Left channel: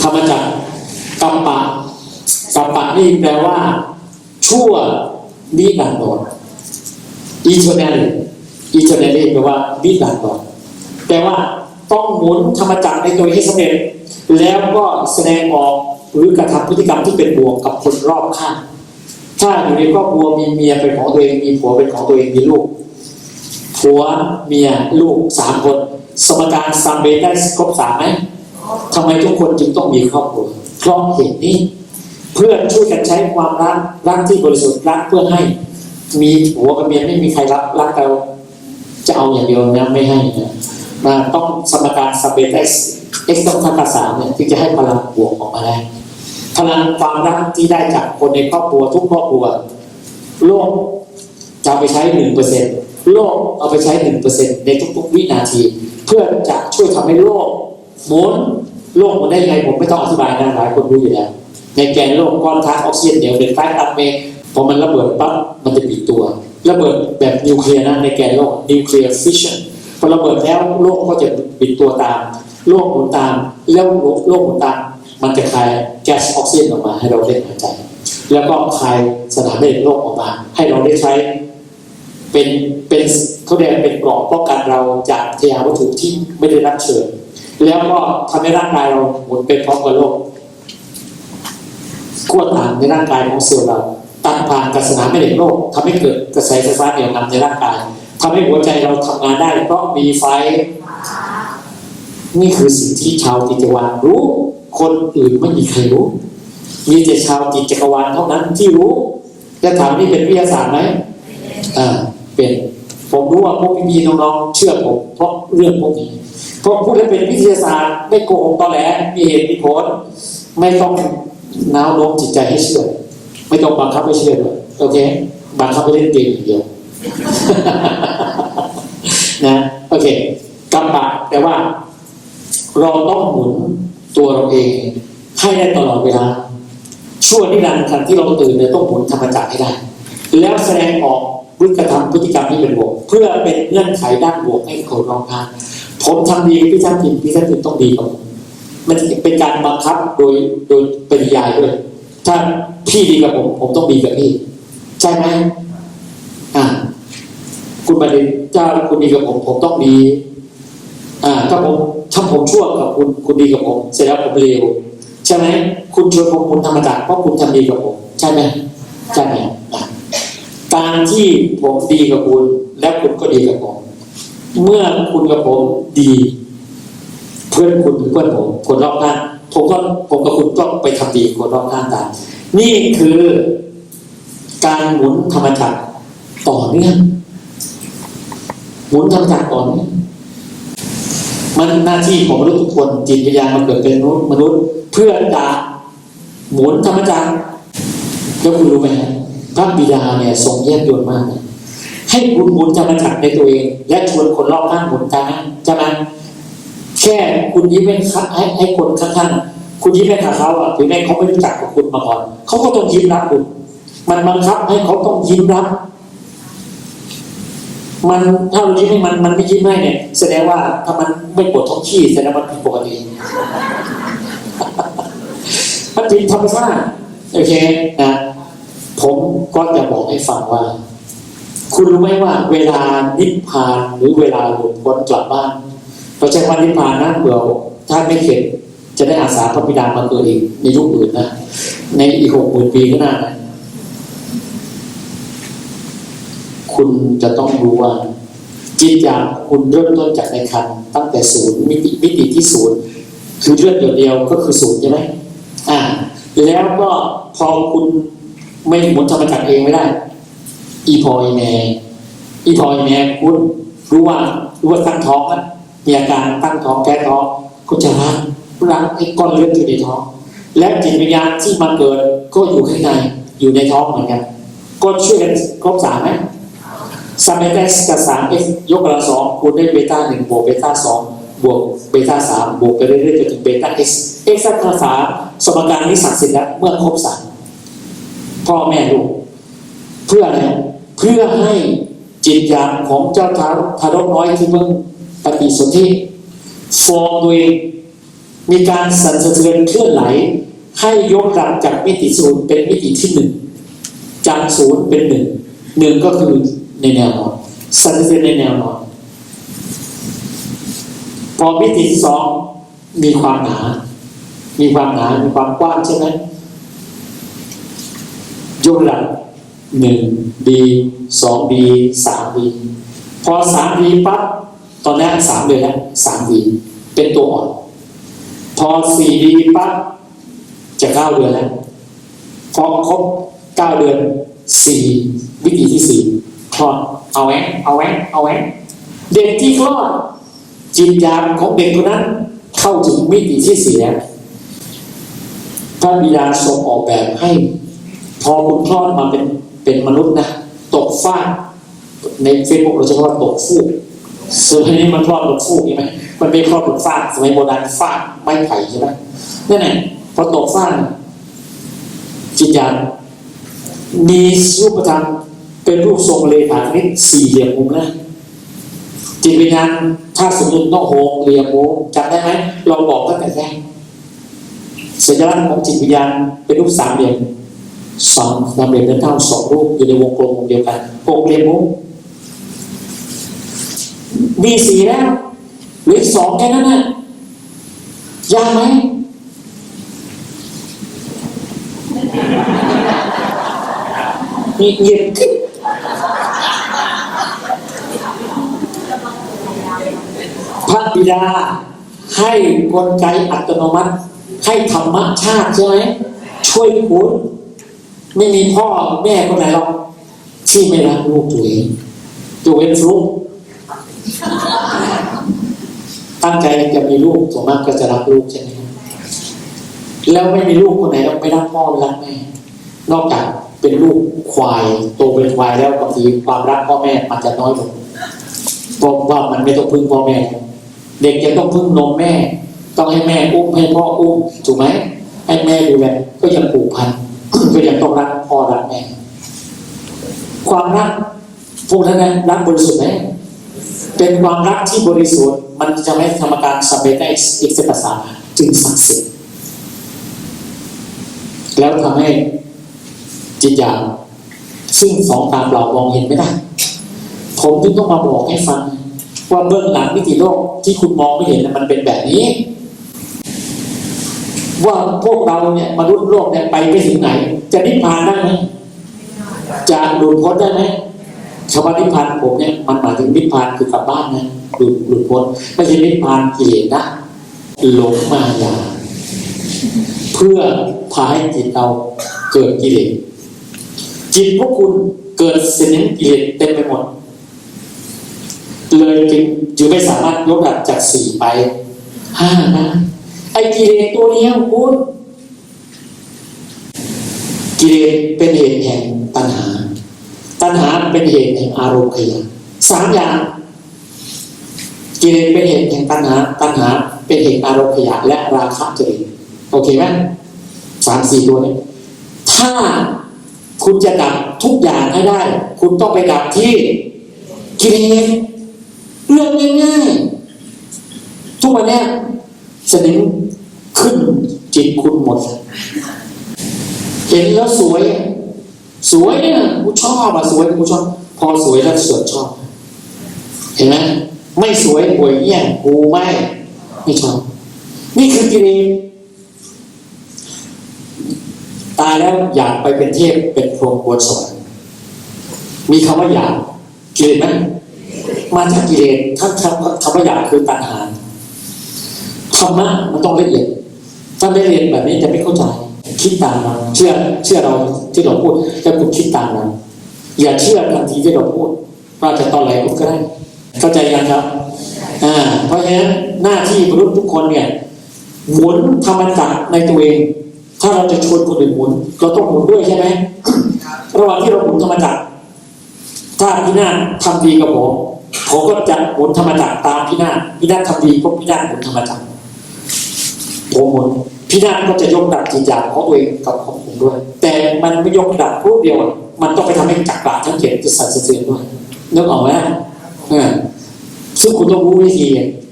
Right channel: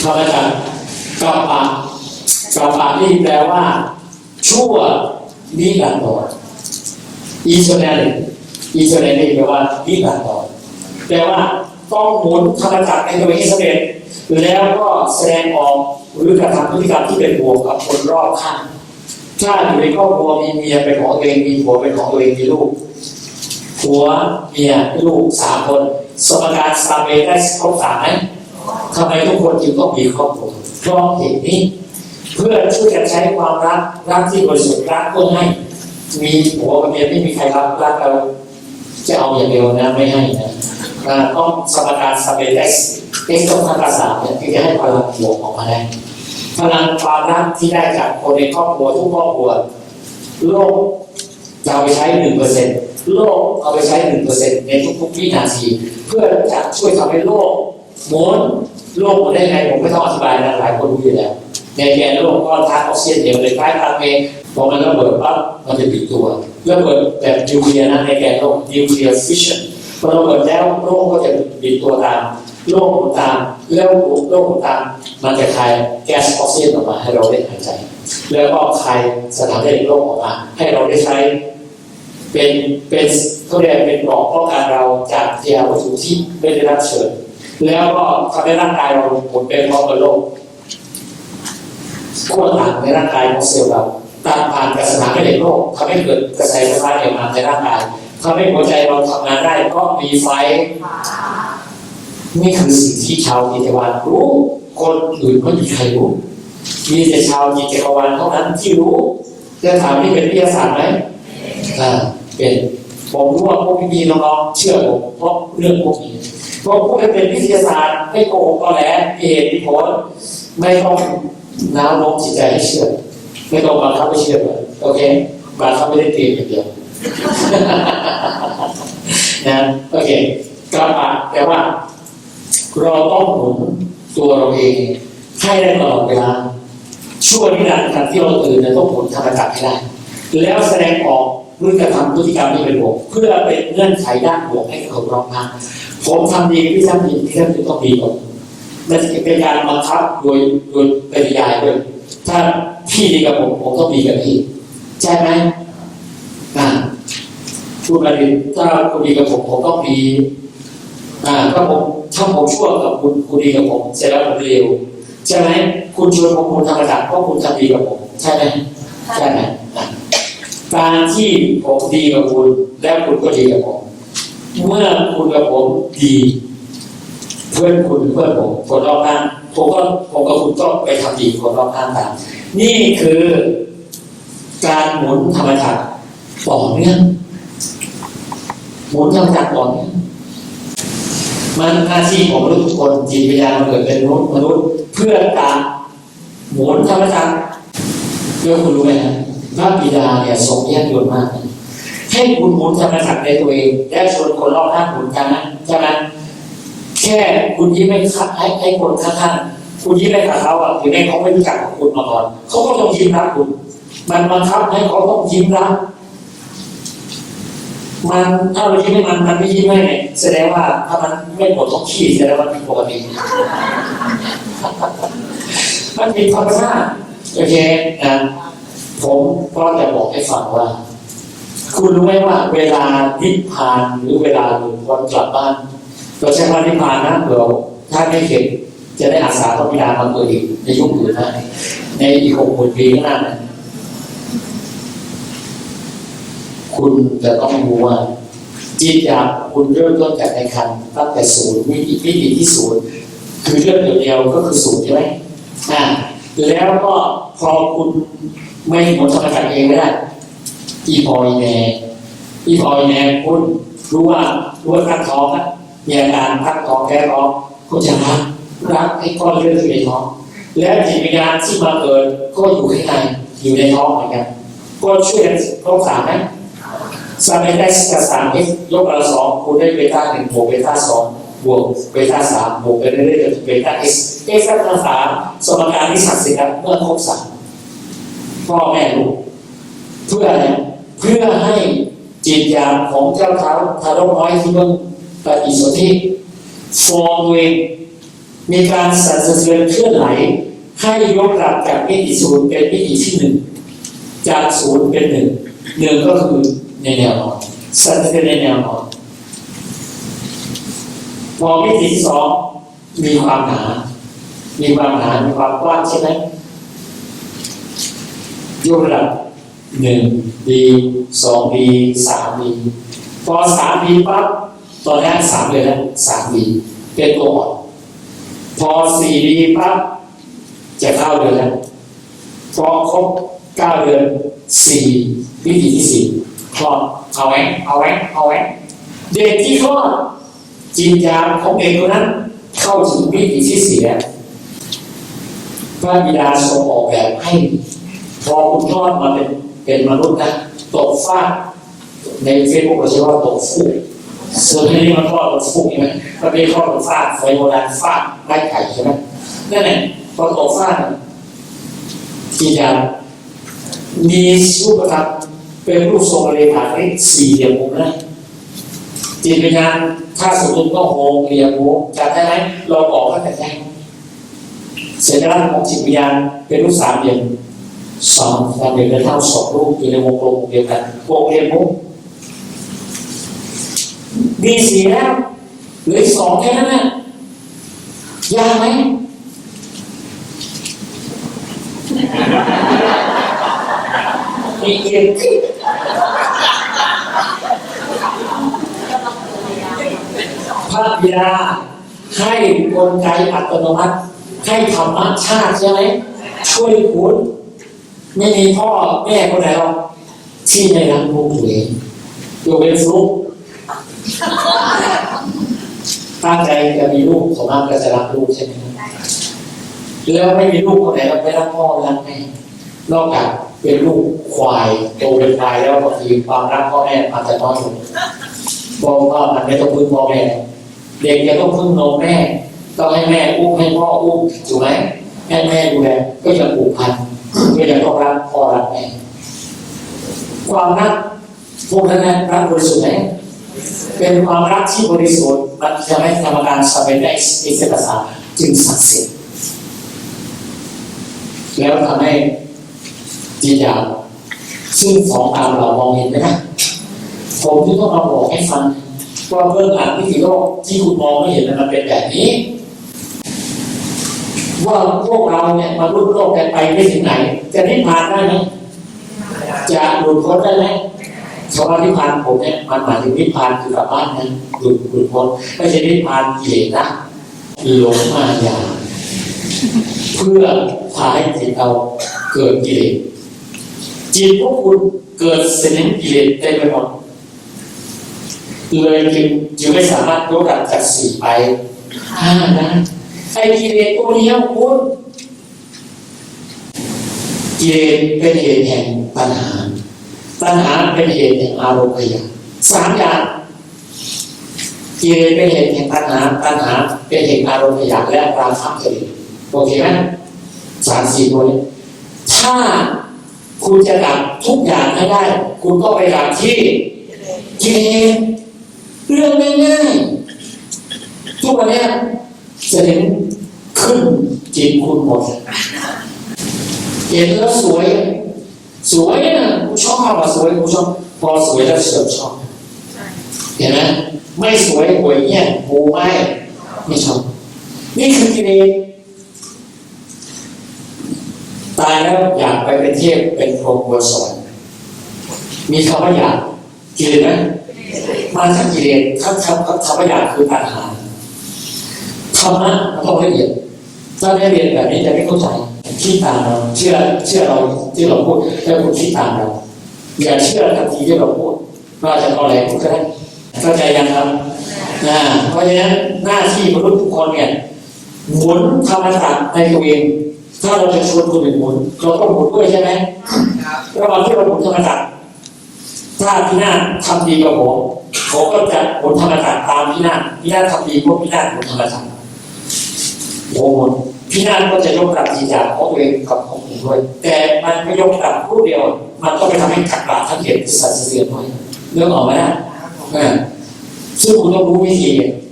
ทำมาจากกัปปะกัปปะนี่แปลว่า ชั่วนิรันดรอีเทอร์เนลอีเทอร์เนลนี่แปลว่านิรันดรแปลว่าต้องหมุนธรรมจักรในตัวให้สำเร็จแล้วก็แสดงออกหรือกระทำพฤติกรรมที่เป็นบวกกับคนรอบข้างถ้าอยู่ในครอบครัวมีเมียเป็นของตัวเองมีผัวเป็นของตัวเองมีลูกผัวเมียลูกสามคน สมการซามเบได้ครบสามไหม ทำไมทุกคนจึงต้องมีครอบครัวเพราะเหตุนี้ เพื่อช่วยกันใช้ความรักรักที่บริสุทธิ์รักเพื่อให้ มีผัวกับเมียไม่มีใครรักรักเราจะเอาอย่างเดียวนะไม่ให้นะนะต้องสมการซาเบได้เอ็กซ์ต้องทำภาษาเนี่ยที่จะให้พลังบวกออกมาได้พลังความรักที่ได้จากคนในครอบครัวทุกครอบครัวโลกจะเอาไปใช้หนึ่งเปอร์เซ็นต์โลกเอาไปใช้หนึ่งเปอร์เซ็นต์ในทุกๆวินาที เพื่อจะช่วยทำให้โลก หมุนโลกมันได้ยังไงผมไม่ต้องอธิบายนะหลายคนรู้อยู่แล้วในแกนโลกก้อนธาตุออกซิเจนเดียวเป็นใต้ตาเมฆพอมันระเบิดปั๊บมันจะปิดตัวระเบิดแบบนิวเคลียร์นะในแกนโลกนิวเคลียร์ฟิชชั่นพอระเบิดแล้วโลกก็จะปิดตัวตามโลกหมุนตามแล้วโลกหมุนตามมันจะคายแก๊สออกซิเจนออกมาให้เราได้หายใจ แล้วก็คายสถานเด็กโลกออกมา ให้เราได้ใช้เป็นเป็นเขาเรียกเป็นกรอบป้องกันเราจากเทววัตถุที่ไม่ได้รับเชิญ แล้วก็ทำให้ร่างกายเราหมุนเป็นพร้อมกับโลกขั้วต่างในร่างกายของเซลล์เราตามผ่านกับสนามแม่เหล็กโลกทำให้เกิดกระแสไฟฟ้าเหนี่ยวนำในร่างกายทำให้หัวใจเราทำงานได้เพราะมีไฟ นี่คือสิ่งที่ชาวจิตวาลรู้ คนอื่นไม่มีใครรู้ มีแต่ชาวจิตจักรวาลเท่านั้นที่รู้ จะถามนี่เป็นวิทยาศาสตร์ไหมอ่าเป็น ผมรู้ว่าพวกพี่น้องๆเชื่อผมเพราะเรื่องพวกนี้เพราะพูดให้เป็นวิทยาศาสตร์ไม่โกหกตอแหลมีเหตุมีผลไม่ต้องน้าวน้อมจิตใจให้เชื่อ ไม่ต้องบังคับให้เชื่อโอเคบังคับให้เล่นเกมอย่างเดียวนะโอเคกรรมะแปลว่า เราต้องหมุนตัวเราเองให้ได้ตลอดเวลาช่วงนิรันดร์การที่เราตื่นเนี่ยต้องหมุนธรรมจักรให้ได้แล้วแสดงออก พฤติกรรมพฤติกรรมที่เป็นบวกเพื่อเป็นเงื่อนไขด้านบวกให้คนรอบข้างผมทำดีพี่ท่านผิดพี่ท่านผิดต้องดีกว่ามันเป็นการบังคับโดยโดยปริยายด้วยถ้าพี่ดีกับผมผมต้องดีกับพี่ใช่ไหมอ่าคุณมาดีถ้าคุณดีกับผมผมต้องดีอ่าถ้าผมถ้าผมชั่วกับคุณคุณดีกับผมเสร็จแล้วผมเลวใช่ไหมคุณชวนผมคุณธรรมดาเพราะคุณทำดีกับผมใช่ไหมใช่ไหมอะ การที่ผมดีกับคุณและคุณก็ดีกับผม เมื่อคุณกับผมดี เพื่อนคุณเพื่อนผมคนรอบข้างผมก็ผมกับคุณก็ไปทำดีคนรอบข้างกันนี่คือการหมุนธรรมจักรต่อเนื่องหมุนธรรมจักรต่อเนื่องมันหน้าที่ของทุกคนจิตวิญญาณมาเกิดเป็นมนุษย์ เพื่อตาหมุนธรรมจักรยกมือรู้ไหมฮะ พระบิดาเนี่ยทรงแยกยนมาก ให้คุณหมุนธรรมจักรในตัวเอง และชวนคนรอบข้างหมุนกันนะจากนั้นแค่คุณยิ้มให้ให้ให้คนข้างๆคุณยิ้มให้กับเขาอะถึงแม้เขาไม่รู้จักกับคุณมาก่อนเขาก็ต้องยิ้มรับคุณมันบังคับให้เขาต้องยิ้มรับมันถ้าเรายิ้มให้มันมันไม่ยิ้มให้เนี่ยแสดงว่าถ้ามันไม่ปวดท้องขี้แสดงว่าผิดปกติมันผิดธรรมชาติโอเคนะ ผมก็จะบอกให้ฟังว่า คุณรู้ไหมว่า เวลานิพพานหรือเวลาหลุดพ้นกลับบ้านเราใช้คำว่านิพพานนะเดี๋ยวถ้าไม่เข็ดจะได้อาสาพระบิดาบาตัวอีกในยุคอื่นนะในอีกหกหมื่นปีข้างหน้านะคุณจะต้องรู้ว่า จิตอยากคุณเริ่มต้นจากในคันตั้งแต่ศูนย์มิติมิติที่ศูนย์คือเลือดเดียวๆก็คือศูนย์ใช่ไหมอ่าแล้วก็พอคุณ ไม่หมุนธรรมจักรเองไม่ได้ อีพอยแนอีพอยแนคุณรู้ว่ารู้ว่าตั้งท้องนะมีอาการตั้งท้องแก้ท้องคุณจะรักรักไอ้ก้อนเลือดที่อยู่ในท้อง และจิตวิญญาณที่มาเกิดก็อยู่ข้างในอยู่ในท้องเหมือนกันก็ช่วยกันครบสามไหมซามเอสกับสามเอ็กยกกำลังสองคูณด้วยเบต้าหนึ่งบวกเบต้าสองบวกเบต้าสามบวกไปเรื่อยๆจนถึงเบต้าเอ็กซ์เอ็กซ์กำลังสามสมการนี้ศักดิ์สิทธิ์แล้วเมื่อครบสาม พ่อแม่ลูกเพื่ออะไรเพื่อให้จิตญาณของเจ้าท้ารทารกน้อยที่เพิ่งปฏิสนธิฟอร์มตัวเองมีการสั่นสะเทือนเคลื่อนไหวให้ยกระดับจากมิติศูนย์เป็นมิติที่หนึ่งจากศูนย์เป็นหนึ่งหนึ่งก็คือในแนวนอนสั่นสะเทือนในแนวนอนพอมิติสองมีความหนา มีความหนา มีความกว้างใช่ไหม ยกระดับหนึ่งดีสองดีสามดีพอสามดีปั๊บตอนแรกสามเลยนะสามดีเป็นตัวอ่อนพอสี่ดีปั๊บจะเก้าเดือนแล้วพอครบเก้าเดือนสี่วิธีที่สี่คลอดเอาแหวงเอาแหวงเอาแหวงเด็กที่คลอดจิตยามของเด็กคนนั้นเข้าถึงวิธีที่สี่แล้วพระบิดาทรงออกแบบให้ พอคุณคลอดมาเป็นเป็นมนุษย์นะตกฟากในเฟซบุ๊กเราจะว่าตกฟูกส่วนอันนี้มันคลอดตกฟูกใช่ไหมมันเป็นคลอดตกฟากสมัยโบราณฟากไม้ไผ่ใช่ไหมนั่นแหละพอตกฟากน่ะจิตยามมีรูปธรรมเป็นรูปทรงเลขาคณิตสี่เหลี่ยมมุมนะจิตวิญญาณถ้าสมมติต้องโฮงเรียงโฮงจะได้ไหมเราบอกตั้งแต่แรกสัญลักษณ์ของจิตวิญญาณเป็นรูปสามเหลี่ยม สองนำเรียนเดินเท่าสองรูปอยู่ในวงกลมเดียวกันวงเรียนมุกมีสี่แล้วหลือสองแค่นั้นนะยากไหมมีเย็นพระบิดาให้กลไกอัตโนมัติ ให้ธรรมชาติใช่ไหมช่วยคุณ ไม่มีพ่อแม่คนไหนหรอกที่ไม่รักลูกตัวเองตัวเป็นฟลุกตั้งใจจะมีลูกส่วนมากก็จะรักลูกใช่ไหมแล้วไม่มีลูกคนไหนเราไม่รักพ่อรักแม่นอกจากเป็นลูกควายโตเป็นควายแล้วบางทีความรักพ่อแม่อาจจะน้อยลงเพราะว่ามันไม่ต้องพึ่งพ่อแม่ เด็กจะต้องพึ่งนมแม่ ต้องให้แม่อุ้มให้พ่ออุ้มถูกไหมให้แม่ดูแลก็ยังผูกพัน ก็ยังต้องรักพอรักแม่ความรักพวกนั้นนะรักบริสุทธิ์ไหมเป็นความรักที่บริสุทธิ์มันจะให้กรรมการสำเร็จได้อีกเสภาษาจึงศักดิ์สิทธิ์แล้วทำให้จิตยาวซึ่งสองตามเรามองเห็นไม่ได้ผมจึงต้องมาบอกให้ฟังว่าเบื้องหลังวิถีโลกที่คุณมองไม่เห็นมันเป็นแบบนี้ ว่าพวกเราเนี่ยมารุ่โลกเนี่ยไปไปถึงไหน จะนิพพานได้ไหมจะหลุดพ้นได้ไหมคำว่านิพพานผมเนี่ยมันหมายถึงนิพพานคือกลับบ้านนะหลุดหลุดพ้นไม่ใช่นิพพานกิเลสนะหลงมายาเพื่อพาให้จิตเราเกิดกิเลสจิตพวกคุณเกิดเสนิมกิเลสเต็มไปหมดเลยจึงจึงไม่สามารถยกระดับจากสี่ไปห้านะ ไอ้กิเลสตัวนี้คุณกิเลสเป็นเหตุแห่งตัณหา ตัณหาเป็นเหตุแห่งอารมณ์ขยะสามอย่างกิเลสเป็นเหตุแห่งตัณหา ตัณหาเป็นเหตุอารมณ์ขยะและราคะเกิดโอเคไหมสามสี่ตัวนี้ถ้าคุณจะดับทุกอย่างให้ได้ คุณต้องไปดับที่กิเลสเรื่องง่ายๆทุกวันนี้ยสนิม ขึ้น จิตคุณหมดเห็นแล้วสวย สวยเนี่ยกูชอบอะสวยกูชอบ พอสวยแล้วเสือกชอบ เห็นไหมไม่สวยหวยแย่งกูไม่ไม่ชอบ นี่คือกิเลสตายแล้วอยากไปเป็นเทพเป็นพรหมบนสวรรค์มีคำว่าอยากกิเลสไหมมาจากกิเลสถ้าคำคำว่าอยากคือตัณหาธรรมะมันต้องละเอียด ถ้าไม่เรียนแบบนี้จะไม่เข้าใจคิดตามเรา เชื่อเชื่อเราที่เราพูดแต่คุณคิดตามเราอย่าเชื่อทันทีที่เราพูดว่าจะตอนไหนก็ได้เข้าใจยังครับอ่าเพราะฉะนั้นหน้าที่มนุษย์ทุกคนเนี่ยหมุนธรรมศาสตร์ในตัวเองถ้าเราจะชวนคนอื่นหมุนเราต้องหมุนด้วยใช่ไหมระหว่างที่เราหมุนธรรมศาสตร์ถ้าพี่หน้าทำดีกับผมผมก็จะหมุนธรรมศาสตร์ตามพี่หน้าพี่หน้าทำดีก็พี่หน้าหมุนธรรมศาสตร์ โอ้โหพี่นาฏก็จะยกดับจิตใจของตัวเองกับของผมด้วย แต่มันไม่ยกดับรูปเดียว มันต้องไปทำให้กักบาทั้งเขตจะสั่นสะเทือนด้วยนึกออกไหมนะซึ่งคุณต้องรู้วิธี